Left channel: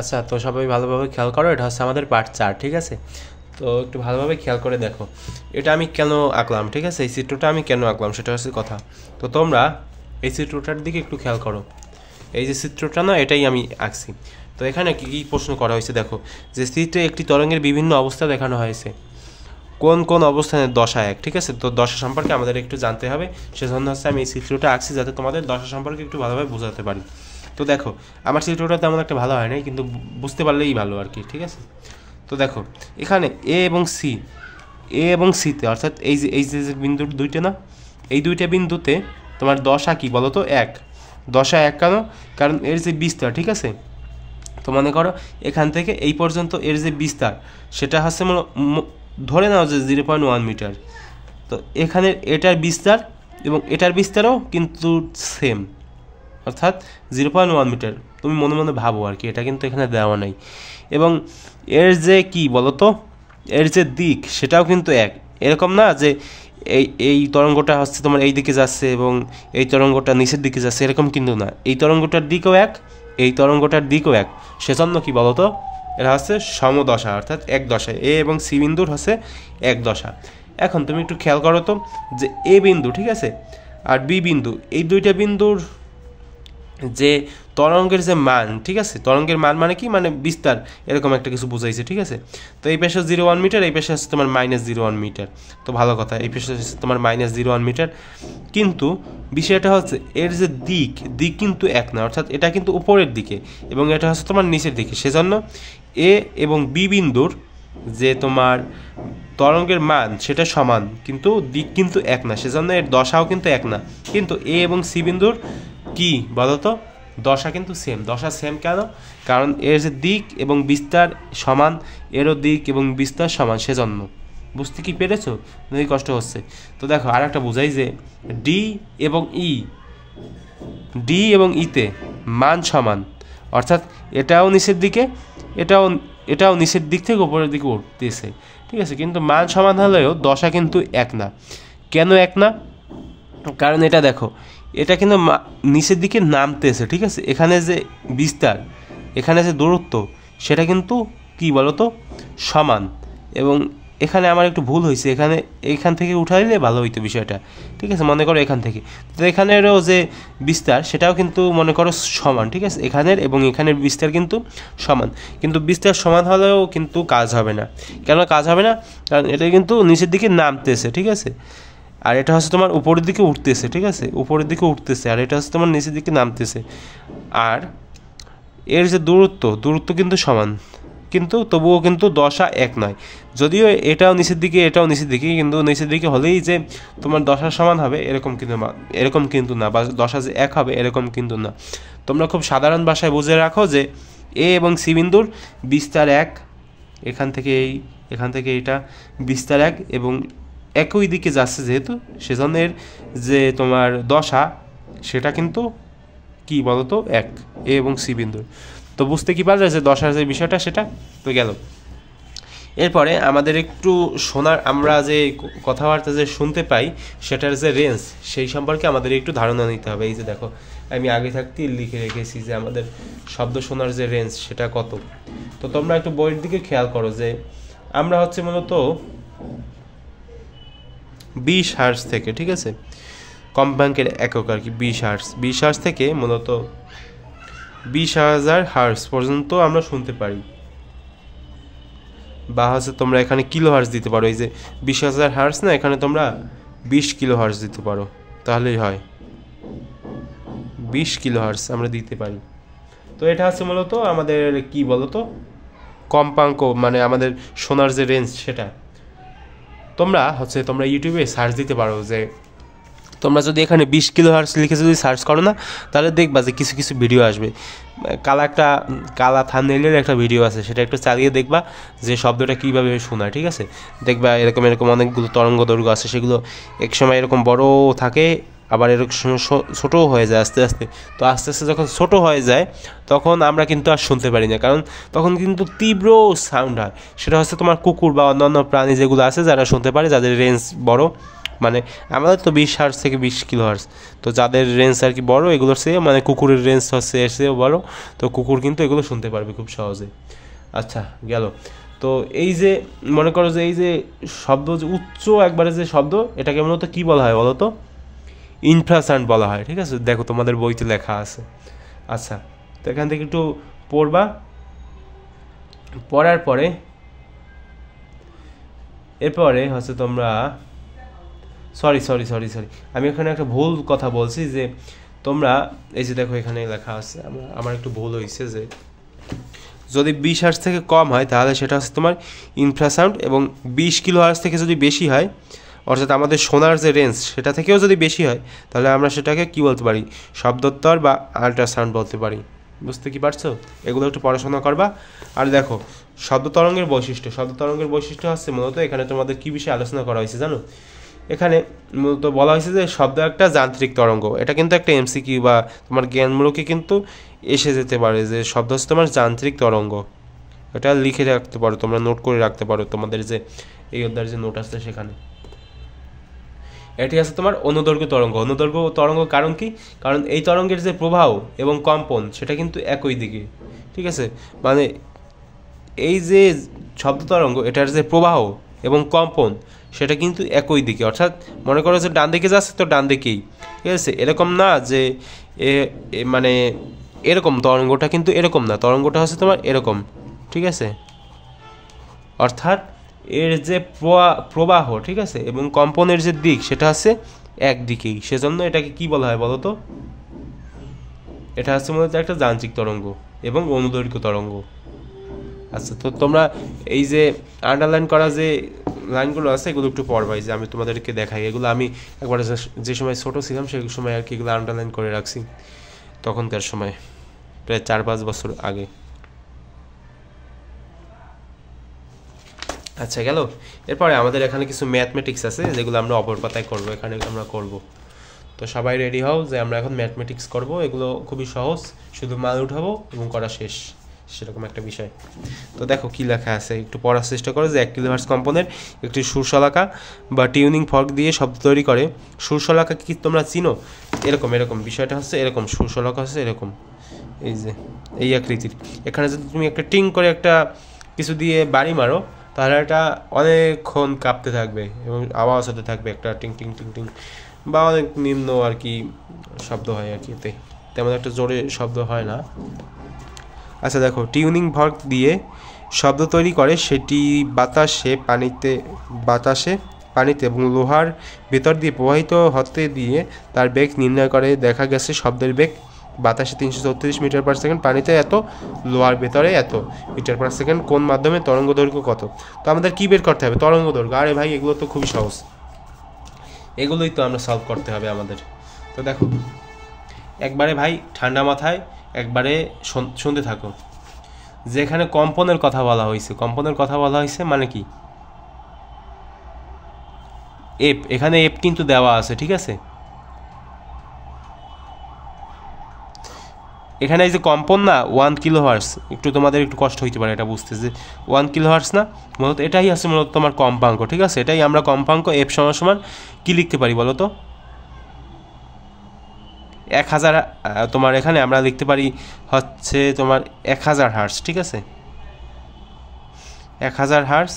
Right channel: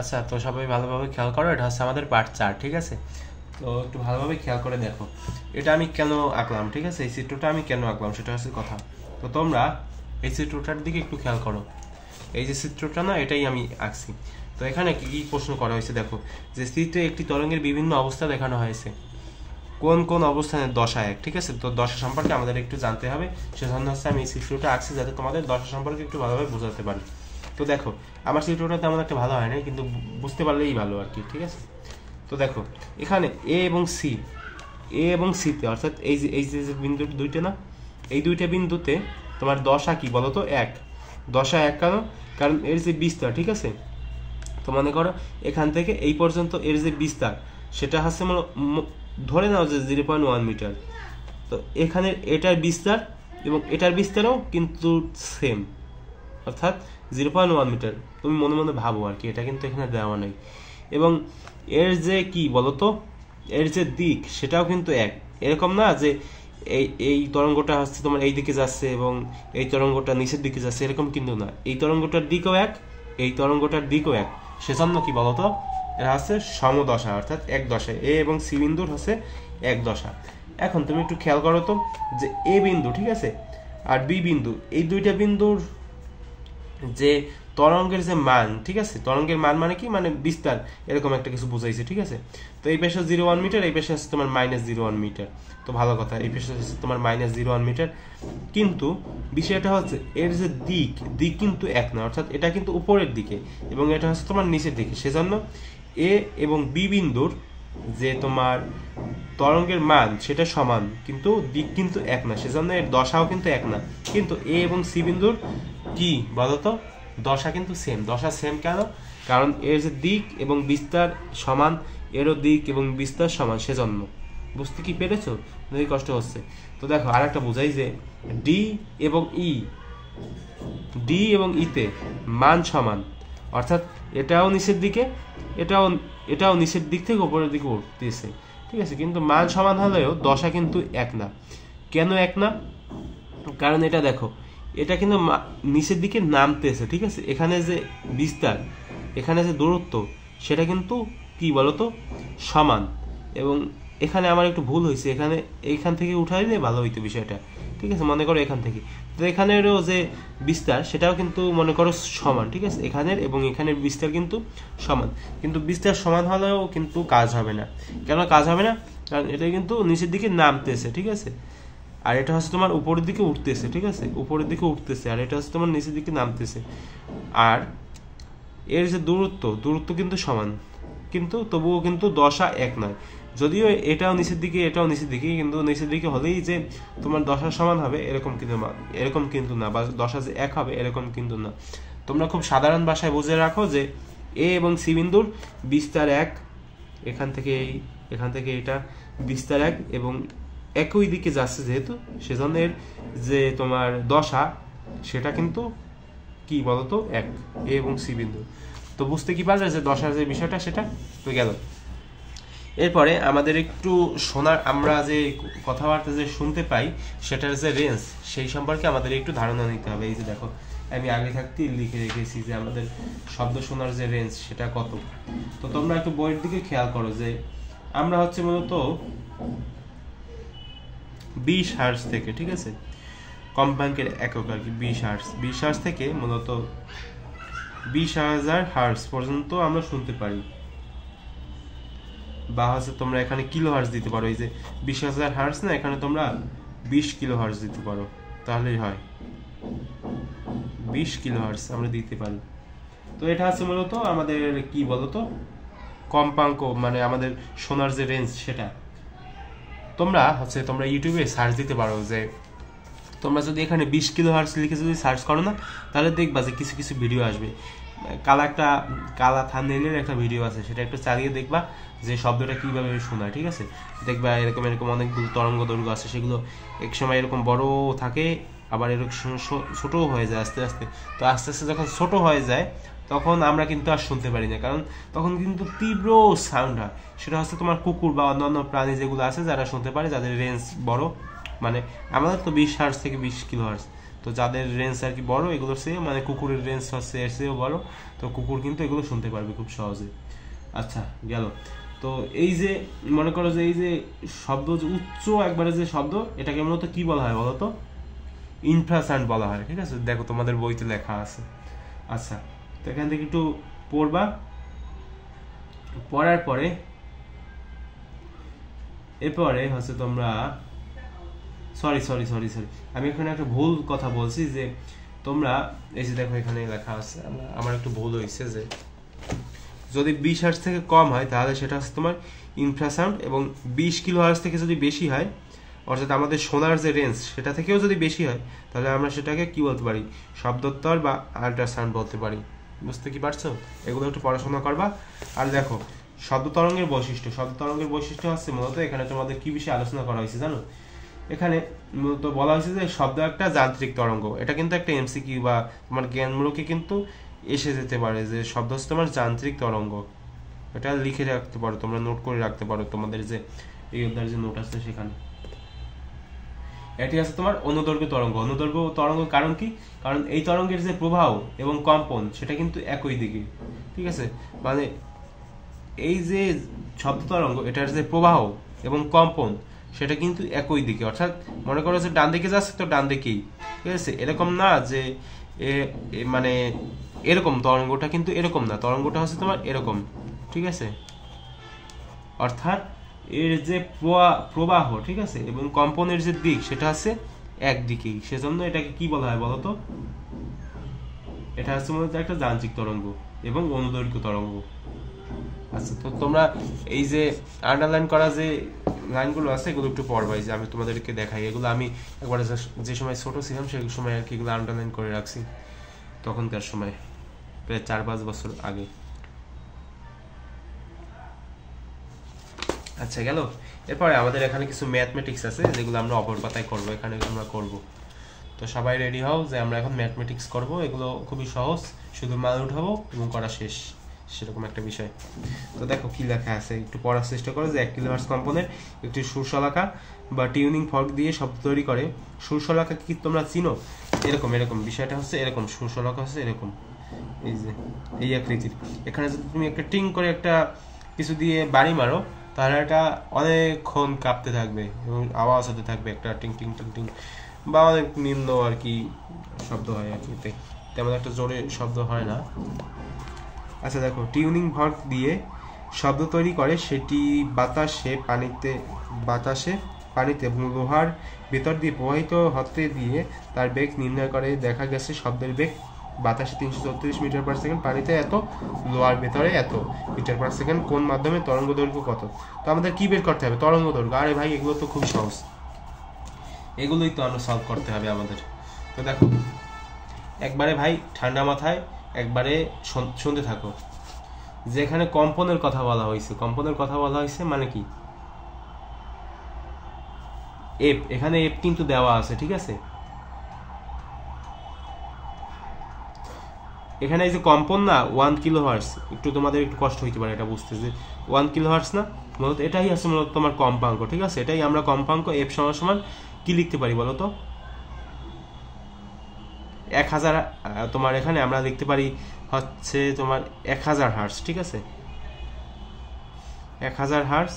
আচ্ছা, তো সবাই ভালোভাবে খেয়াল করো, এটা হচ্ছে আমাদের পার্ট 4, ঠিক আছে? তো একটু ভালোভাবে খেয়াল করে দেখো এটা আমি কেন আঁকলাম, ঠিক আছে? এই চিত্রটা আমি কেন আঁকলাম সেটা হচ্ছে কথা। তো তোমরা এই চিত্রটার দিকে একটু খেয়াল করো। এই যে চিত্রটা না, এটাই আমি আঁকছি। তো এখানে কী কী প্রশ্ন করা হয়েছে দেখো, যে চিত্রে একটি তরঙ্গের বিভিন্ন অবস্থা দেখানো হয়েছে, কোন কোন অবস্থানে দশা এক, ঠিক আছে? তো দশা সম্পর্কে আমাদের একটু জানতে হবে, সেজন্য হচ্ছে আমি এই চিত্রটা আঁকছি যাতে তোমাদের দশা সম্পর্কে একটু ভালোভাবে বোঝাতে পারি। তো দেখো আমার চিত্রটা তেমন একটা ভালো হয় নাই, কিন্তু বুঝতে পারলেই ভালো আর কি, ঠিক আছে? তো দেখো এখানে এ এবং সিতে, অর্থাৎ এই যে বিন্দু দুইটা না, এই দুইটা বিন্দুতে তোমার দশা কি বলো তো? এক। দশা এক কেন? কারণ এর যে বিস্তার, ঠিক আছে? তো মনে করো এখান থেকে এই পর্যন্ত এর যে বিস্তার সেটা হচ্ছে ধরে নাও যে 0.1 মিটার। তো এখানে এটার বিস্তার এবং এটার বিস্তারও কিন্তু সেম, অর্থাৎ 0.1 মিটার। তুমি মনে মনে ভাবো আর কি, এটা কিন্তু এখানে দেওয়া নাই। এবং এর যে কি বলতো, এর যে দিক সেটাও কিন্তু এক। এরকম না যে এই তরঙ্গটা হচ্ছে তোমার এই দিকে যাচ্ছে এবং এই তরঙ্গটা নিচের দিকে যাচ্ছে, এরকম কিন্তু না। এই তরঙ্গটার দিকও এক, এই তরঙ্গটার দিকও এক। সেজন্য কি বলতো, এরা হচ্ছে সমদশা, অর্থাৎ এক দশায়। এ এবং সি বিন্দুর হচ্ছে এক দশা। এখন তুমি একটু খেয়াল করো তো, যে এ বিন্দু, ঠিক আছে, আর বি বিন্দু, এই দুইটা বিন্দুর যে তরঙ্গের যে মান, ঠিক আছে? তরঙ্গের মান মানে কি, মানে বিস্তার, এরকম একটা কিছু বুঝাইছে, ঠিক আছে? তো এই পেশে 0.1 মিটার, এই পেশে হচ্ছে তোমার -0.1 মিটার। তো ভালো কথা, এই পেশে হচ্ছে তোমার -0.1 মিটার। কিন্তু বিষয়টা হচ্ছে এর যে দিক কিন্তু এক না, অর্থাৎ এটা কিন্তু উপরের দিকে এবং এটা হচ্ছে তোমার নিচের দিকে। সেজন্য এ এবং বি বিন্দুর যে তোমার তরঙ্গের মান সেটা সমান, কিন্তু দিক কিন্তু এক না, সেজন্য এর দশাও কিন্তু এক না। কিন্তু এ এবং সি বিন্দুর কি বলতো, দশা কিন্তু সেম। দশা সেম কেন? কারণ এর যে দিক এবং বিস্তার সমান, এরও দিক এবং বিস্তার সমান, সেজন্য। বুঝতে কি পেরেছো? যদি কষ্ট হচ্ছে তো দেখো আর একটা বোঝাই, যে ডি এবং ইতে মান সমান, অর্থাৎ এটাও নিচের দিকে, এটাও এটাও নিচের দিক থেকে উপরের দিকে উঠতেছে, ঠিক আছে? কিন্তু মান সমান হলেও দশা কিন্তু এক না। কেন এক না? কারণ এটা দেখো, এটা কিন্তু নিচের দিকে নামতেছে, ঠিক আছে? এখানে যে বিস্তার, এখানে যে দূরত্ব, সেটা কিন্তু কি বলতো, সমান। এবং এখানে আমার একটু ভুল হয়েছে, এইখান থেকে উঠাইলে ভালো হইতো বিষয়টা, ঠিক আছে? মনে করো এখান থেকে, তো এখানেরও যে বিস্তার সেটাও কিন্তু মনে করো সমান, ঠিক আছে? এখানের এবং এখানের বিস্তার কিন্তু সমান, কিন্তু বিস্তার সমান হলেও কিন্তু কাজ হবে না। কেন কাজ হবে না? কারণ এটা কিন্তু নিচের দিকে নামতেছে, ঠিক আছে? আর এটা হচ্ছে তোমার উপরের দিকে উঠতেছে, ঠিক আছে? উপরের দিকে উঠতেছে, আর এটা হচ্ছে তোমার নিচের দিকে নামতেছে। আর এর যে দূরত্ব কিন্তু সমান, কিন্তু তবুও কিন্তু দশা এক নয়। যদিও এটাও নিচের দিকে, এটাও নিচের দিকে, কিন্তু নিচের দিকে হলেই যে তোমার দশা সমান হবে এরকম কিন্তু না, বা দশা যে এক হবে এরকম কিন্তু না। তোমরা খুব সাধারণ ভাষায় বুঝে রাখো যে এ এবং সি বিন্দুর বিস্তার এক, এখান থেকে এটা বিস্তার এক এবং একই দিকে যাচ্ছে যেহেতু, সেজন্য এর যে তোমার দশা সেটা কিন্তু কি বলতো, এক। এ এবং সি বিন্দু। তো বুঝতে কি পারলে যে দশার যে বিষয়টা সেটা তো গেল। এরপরে আমাদের একটু আমরা যে কথাবার্তা যে শুনতে পাই সেটার যে রেঞ্জ, সেই সম্পর্কে আমাদের একটু ধারণা নিতে হবে। এই যে দেখো আমি আগে থাকতেই লিখে রেখেছি যে আমাদের শব্দ শোনার যে রেঞ্জ সেটা কত। তো তোমরা একটু বইয়ের দিকে খেয়াল করো, যে আমরা হচ্ছে মূলত 20 হার্টজ থেকে, ঠিক আছে, কম্পাঙ্কের একক আর কি, 20 হার্টজ থেকে মূলত 20,000 হার্টজ পর্যন্ত আমরা শুনতে পারি। বা হচ্ছে তোমরা এখানে কিলো হার্টজ দিতে পারো, এই যে 20,000 হার্টজ না, এখানে তোমরা 20 কিলো হার্টজ দিতে পারো, তাহলেই হয় 20 কিলো হার্টজ আমরা দিতে পারি। তো এটা হচ্ছে মূলত আমাদের কি বলতো, কম্পাঙ্ক, মানে আমাদের শোনার যে রেঞ্জ সেটা। তোমরা ইউটিউবে সার্চ দিতে পারো, যে তোমরা যদি এখানে 20 কিলো হার্টজ লিখে যদি সার্চ করো না, তাহলে দেখবা যে কিছু কিছু ভিডিও আসবে। কালা থাম্বনেইলের একটা ভিডিও আছে, সেটা একটু চালিয়ে দেখবা যে শব্দটা কীভাবে শোনায়, ঠিক আছে? দেখবা এরকম অনেকগুলো তরঙ্গ দৈর্ঘ্য আছে, সেগুলো এক সময় এরকম বড় থাকে, আবার এরকম ছোটও হয়ে যায় আস্তে আস্তে। তো আস্তে আস্তে যখন ছোট হয়ে যায় তখন আমরা কিন্তু আর শুনতে পারি না, কারণ তখন কিন্তু তীব্র সাউন্ড হয়। সেটা হচ্ছে তোমার কুকুর বা অন্যান্য প্রাণী যেগুলো আছে যারা শুনতে পারে, যাদের রেঞ্জ বড়, মানে আমাদের তো 20 হার্টজ থেকে 20 কিলো হার্টজ, তো যাদের রেঞ্জ আর কি বড় এগুলোর চেয়ে মানে কুকুরের রেঞ্জ হচ্ছে এর চেয়েও বড়, তো কুকুর কিন্তু এগুলো শুনতে পারবে খুব সহজে। আচ্ছা গেল। তো এই যে মনে করো যে এই যে শব্দ যে উচ্চ একবারে যে শব্দ, এটাকে মূলত কী বলা হয় বলো তো? ইনফ্রাসাউন্ড বলা হয়, ঠিক আছে? দেখো তোমাদের বইতে লেখা আছে। আচ্ছা, তো এখান থেকে একটু পড়বা, পড়ার পরে এরপরে হচ্ছে তোমরা সরি সরি সরি সরি আমি এখানে একটা ভুল কথা বলছি, যে তোমরা এই যে দেখো এখানে লেখা আছে, আমার একটু ভুল হয়েছে, যে যদি 20 হার্টজ থেকে কম হয় তাহলে সেটা হচ্ছে তোমার ইনফ্রাসাউন্ড, এবং 20 কিলো হার্টজ থেকে যদি বেশি হয়, অর্থাৎ আমাদের শোনার যে রেঞ্জ সেটা থেকেও যদি বেশি হয়, তাহলে আমরা সেটাকে কি বলতে পারি? শব্দোত্তর বা আল্ট্রাসাউন্ড বলতে পারি। বুঝতে কি পারছো? এগুলো একটু পড়াশোনা করবা। আর দেখো শব্দ তরঙ্গের বৈশিষ্ট্য হচ্ছে মূলত এখানে তোমাদের কি বিষয়ে আলোচনা করা হয়েছে জানো? এখানে মূলত বলা হয়েছে যে শব্দ একটা যান্ত্রিক তরঙ্গ। এটা কিন্তু একটা এমসিকিউ বা তোমার জ্ঞানমূলকে কিন্তু এসে যেতে পারে, যে শব্দ হচ্ছে তোমার যান্ত্রিক তরঙ্গ। এটা লিখে রাখতে পারো, তোমরা নোট করে রাখতে পারো তোমাদের যে এই অধ্যায়ের যে নোট আছে সেখানে। এটি আছে তোমার অনুদৈর্ঘ্য তরঙ্গ। কারণ কি? কারণ এই তরঙ্গের যে প্রবাহ এবং কম্পন সেটা কিন্তু একই দিকে, ঠিক আছে? মানে এই যে শব্দ তরঙ্গ, এটার যে প্রবাহ এবং কম্পন সেটা কিন্তু একই দিকে, অর্থাৎ মনে করো যে ডান দিকে যাচ্ছে তো ডান দিকেই, ঠিক আছে? এরকম না যে মানে এরকম তরঙ্গটা কিন্তু এরকম না, তরঙ্গটা হচ্ছে তোমার এরকম, ঠিক আছে? অর্থাৎ এর যে প্রবাহ, ঠিক আছে, এবং কম্পনের যে দিক সেটা হচ্ছে একদিকেই, সেজন্য এটাকে কি বলা হয় বলো তো? এটা হচ্ছে মূলত একটা যান্ত্রিক তরঙ্গ এবং অনুদৈর্ঘ্য তরঙ্গ। আচ্ছা, তো তোমরা এই যে আন্ডারলাইন করা যে লাইনগুলো আছে এগুলো একটু পড়বাই, যে আমি তোমাদেরকে দেখাই। এগুলো আমি একবার যে সময় ছোটো ছিলাম সেই সময় আর কি এগুলো আন্ডারলাইন করে রাখছি, তখনকার সময় প্রায় 4-5 বছর আগে। আচ্ছা গেল। এরপরে আমাদের এখানে কিছু ম্যাথমেটিক্স আছে যেগুলো আমরা অপর পাতায় করবো, এখানে আমরা করব। তো সবাই রেডি হও যে আমরা এখন ম্যাথমেটিক্স করব। এগুলো খুবই সহজ, শুধু মান উঠাবো এবং করা শেষ, সেরকম একটা বিষয়। তো দেখো কি লেখা আছে, একটু পড়ার চেষ্টা করো। যে 1 কিলোহার্টজ কম্পনের একটি সুরশলাকা বা টিউনিং ফর্ক দিয়ে শব্দ তৈরি করে। সুরশলাকা কি তোমরা চিনো? এরকম বিষয়টা হচ্ছে এরকম, সুরশলাকা হচ্ছে এরকম, এই যে এই আকৃতির। এখানে যদি তুমি একটা টিং করে একটা কিছু দিয়ে বাড়ি মারো, তাহলে এটা অনেকক্ষণ কাঁপতে থাকবে এবং আওয়াজ হতে থাকবে, একটা টিং টিং টিং টিং, বা অনেক নিম্ন আর কি শব্দ হয় আর কি, এতে তেমন একটা জোরে শব্দ হয় না। আচ্ছা দেখো, টিউনিং ফর্ক দিয়ে শব্দ তৈরি করে, সেটি পানিতে এবং লোহার ভেতর দিয়ে প্রবাহিত হতে দিয়ে তার বেগ নির্ণয় করে। দেখা গেছে শব্দের বেগ বাতাসে 334 মিটার পার সেকেন্ড, পানিতে এত, লোহার ভেতরে এত মিটার পার সেকেন্ড। কোন মাধ্যমে তরঙ্গ দৈর্ঘ্য কত? তো আমাদের কি বের করতে হবে? তরঙ্গ দৈর্ঘ্য। আরে ভাই এগুলো তো খুবই সহজ, এগুলোই তো আমরা সলভ করতে হবে আমাদের। তো দেখো একবারে ভাই ঠান্ডা মাথায় একবারে শুনতে থাকো। যেখানে কম্পনের কথা বলা হয়েছে মানে কি? এফ, এখানে এফ কিন্তু দেওয়া আছে, ঠিক আছে? এখানে এই যে কম্পন না 1 কিলোহার্টজ, একটু তোমাদের একটু কষ্ট হইতে পারে এটা বুঝতে, যে 1 কিলোহার্টজ না, মূলত এটাই আছে মূলত তোমার কম্পাঙ্ক, ঠিক আছে? এটাই আমরা কম্পাঙ্ক। এফ সমান কি লিখতে পারি বলো তো? 1000, তোমার এখানে আমরা লিখতে পারি হচ্ছে তোমার 1000 হার্টজ, ঠিক আছে? 1000 হার্টজ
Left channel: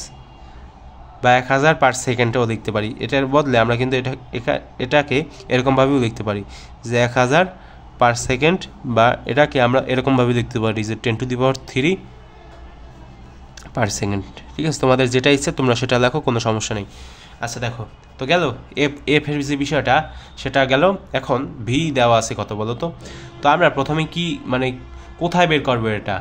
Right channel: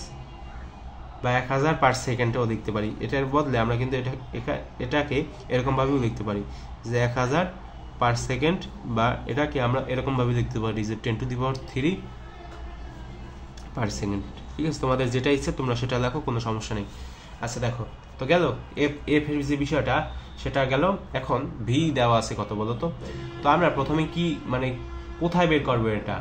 বা 1000 পার সেকেন্ডেও লিখতে পারি। এটার বদলে আমরা কিন্তু এটাকে এরকমভাবেও লিখতে পারি যে 1000 পার সেকেন্ড, বা এটাকে আমরা এরকমভাবে লিখতে পারি যে 10⁻³ পার সেকেন্ড, ঠিক আছে? তোমাদের যেটা ইচ্ছে তোমরা সেটা লেখো, কোনো সমস্যা নেই। আচ্ছা দেখো, তো গেল এফ এর যে বিষয়টা সেটা গেল। এখন ভি দেওয়া আছে কত বলো তো? তো আমরা প্রথমে কি মানে কোথায় বের করবো এটা?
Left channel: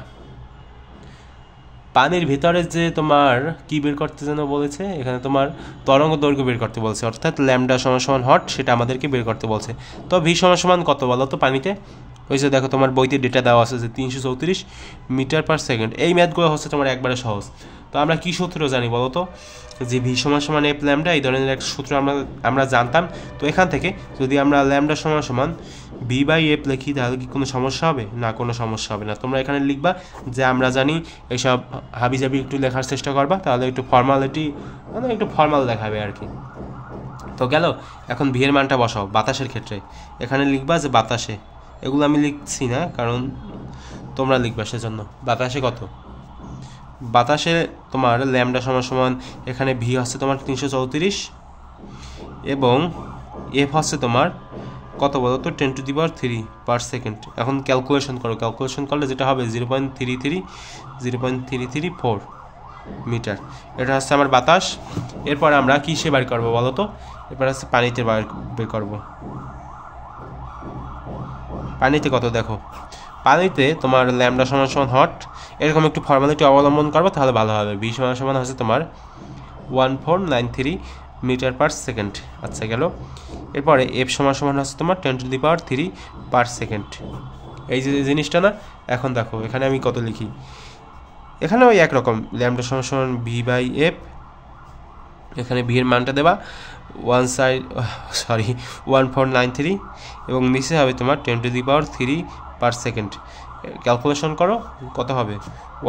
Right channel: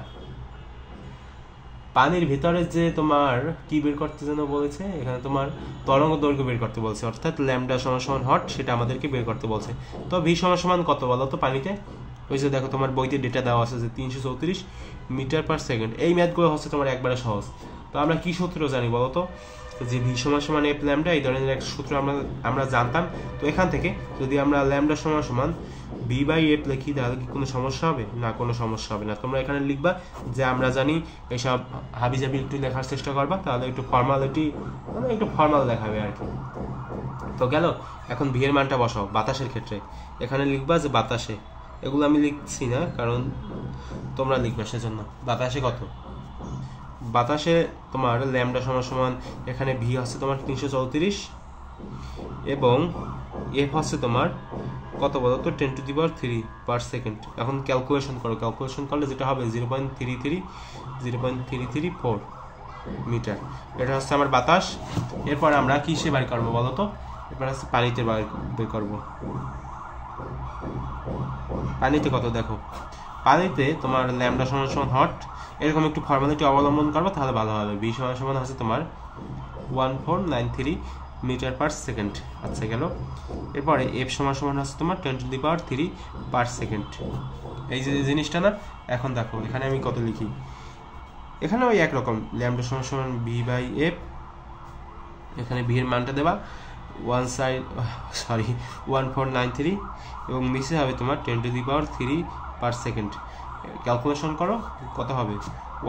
পানির ভিতরে যে তোমার কি বের করতে যেন বলেছে, এখানে তোমার তরঙ্গ দৈর্ঘ্য বের করতে বলছে, অর্থাৎ ল্যামডা সমান হট, সেটা আমাদেরকে বের করতে বলছে। তো ভি সমান কত বলো তো পানিতে? ওই যে দেখো তোমার বইতে ডেটা দেওয়া আছে যে 334 মিটার পার সেকেন্ড। এই ম্যাথগুলো হচ্ছে তোমার একবারে সহজ। তো আমরা কি সূত্র জানি বলো তো? যে ভি সমান এফ ল্যামডা, এই ধরনের একটা সূত্র আমরা জানতাম। তো এখান থেকে যদি আমরা ল্যামডা সমান বি বাই এফ লিখি, তাহলে কি কোনো সমস্যা হবে? না, কোনো সমস্যা হবে না। তোমরা এখানে লিখবা যে আমরা জানি, এইসব হাবিজাবি একটু লেখার চেষ্টা করবা, তাহলে একটু ফর্মালিটি মানে একটু ফর্মাল দেখাবে আর কি। তো গেল। এখন ভি এর মানটা বসাও বাতাসের ক্ষেত্রে। এখানে লিখবা যে বাতাসে, এগুলো আমি লিখছি না কারণ তোমরা লিখবা সেজন্য। বাতাসে কত? বাতাসে তোমার ল্যামডা সমান সমান এখানে ভি হচ্ছে তোমার 334 এবং এফ হচ্ছে তোমার কত বলো তো 10⁻³ এখন ক্যালকুলেশন করো, ক্যালকুলেশন করলে যেটা হবে 0.33 মিটার। এটা হচ্ছে আমার বাতাস। এরপরে আমরা কিসে বের করবো বলো তো? এরপর হচ্ছে পানিতে বের করবো। পানিতে কত দেখো, পানিতে তোমার ল্যামডা সমান সমান হট, এরকম একটু ফর্মালিটি অবলম্বন করবো তাহলে ভালো হবে। ভি সমান সমান হচ্ছে তোমার 1493 মিটার পার সেকেন্ড। আচ্ছা গেল। এরপরে এফ সমান সমান হচ্ছে তোমার 10⁻³ এই যে জিনিসটা না। এখন দেখো এখানে আমি কত লিখি, এখানে ওই একরকম ল্যামডা সমান সমান ভি বাই এফ, এখানে ভি এর মানটা দেবা 1493 এবং নিচে হবে তোমার 10⁻³ পার সেকেন্ড। ক্যালকুলেশন করো কত হবে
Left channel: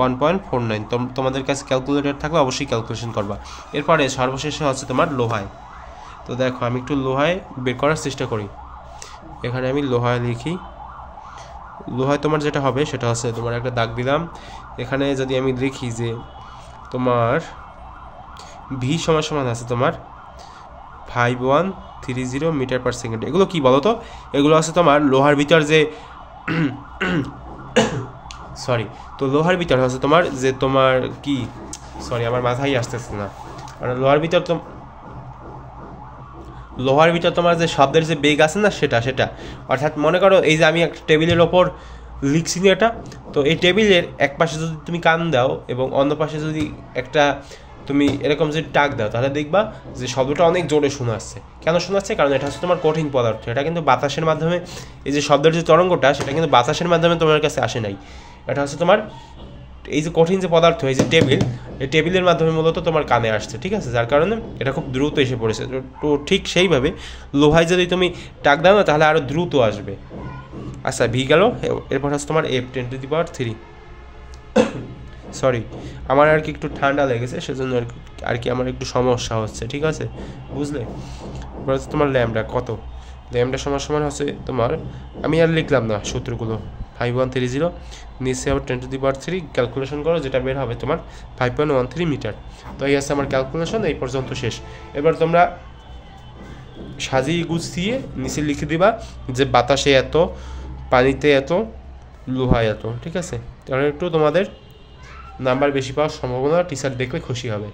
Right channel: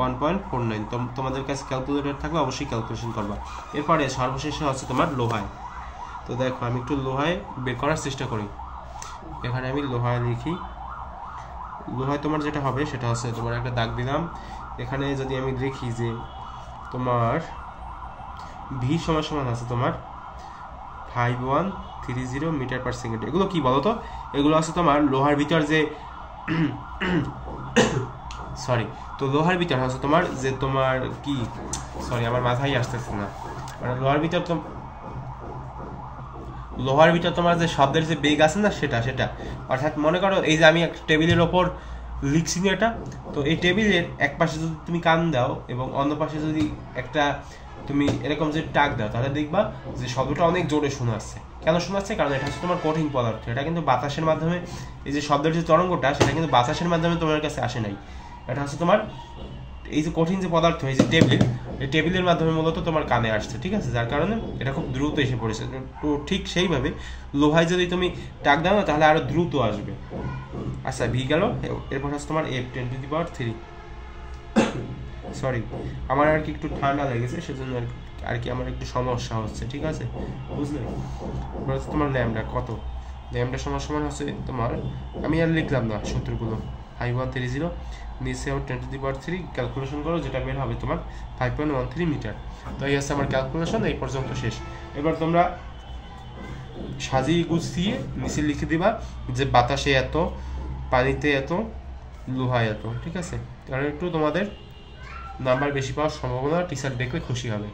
1.49। তোমাদের কাছে ক্যালকুলেটর থাকলে অবশ্যই ক্যালকুলেশন করবা। এরপরে সর্বশেষে হচ্ছে তোমার লোহায়। তো দেখো আমি একটু লোহায় বের করার চেষ্টা করি। এখানে আমি লোহায় লিখি। লোহায় তোমার যেটা হবে সেটা হচ্ছে তোমার একটা দাগ দিলাম। এখানে যদি আমি দেখি যে তোমার ভি সমান সমান আছে তোমার 5130 মিটার পার সেকেন্ড। এগুলো কি বলো তো? এগুলো আছে তোমার লোহার ভিতর যে সরি, তো লোহার ভিতর আছে তোমার যে তোমার কি সরি আমার মাথায় আসতেছে না, কারণ লোহার ভিতর তোমার যে শব্দের যে বেগ আছে না সেটা অর্থাৎ মনে করো এই যে আমি একটা টেবিলের ওপর লিখছি না এটা, তো এই টেবিলের এক পাশে যদি তুমি কান দাও এবং অন্য পাশে যদি একটা তুমি এরকম যদি টাক দাও তাহলে দেখবা যে শব্দটা অনেক জোরে শোনাচ্ছে। কেন শোনাচ্ছে? কারণ এটা হচ্ছে তোমার কঠিন পদার্থ, এটা কিন্তু বাতাসের মাধ্যমে এই যে শব্দের যে তরঙ্গটা সেটা কিন্তু বাতাসের মাধ্যমে তোমার কাছে আসে নাই। এটা হচ্ছে তোমার এই যে কঠিন যে পদার্থ এই যে টেবিল, এই টেবিলের মাধ্যমে মূলত তোমার কানে আসছে, ঠিক আছে? যার কারণে এটা খুব দ্রুত এসে পড়েছে। তো ঠিক সেইভাবে লোহায় যদি তুমি টাক দাও না তাহলে আরও দ্রুত আসবে। আচ্ছা ভি গেল। এরপর হচ্ছে তোমার এফ 10⁻³ সরি আমার আর কি একটু ঠান্ডা লেগেছে সেজন্য আর কি আমার একটু সমস্যা হচ্ছে, ঠিক আছে বুঝলে? এবার হচ্ছে তোমার ল্যামডা কত, ল্যামডা সমান সমান হচ্ছে তোমার, আমি আর লিখলাম না সূত্রগুলো, 5130 নিচে আবার 10⁻³ ক্যালকুলেশন করো, যেটা বের হবে তোমার 5.13 মিটার। তো এই আছে আমার ক্যালকুলেশন, এই পর্যন্ত শেষ। এবার তোমরা সাজিয়ে গুছিয়ে নিচে লিখে দিবা যে বাতাসে এত, পানিতে এত, লোহায় এত, ঠিক আছে? তাহলে একটু তোমাদের নাম্বার বেশি পাওয়ার সম্ভাবনা, টিচার দেখলে খুশি হবে।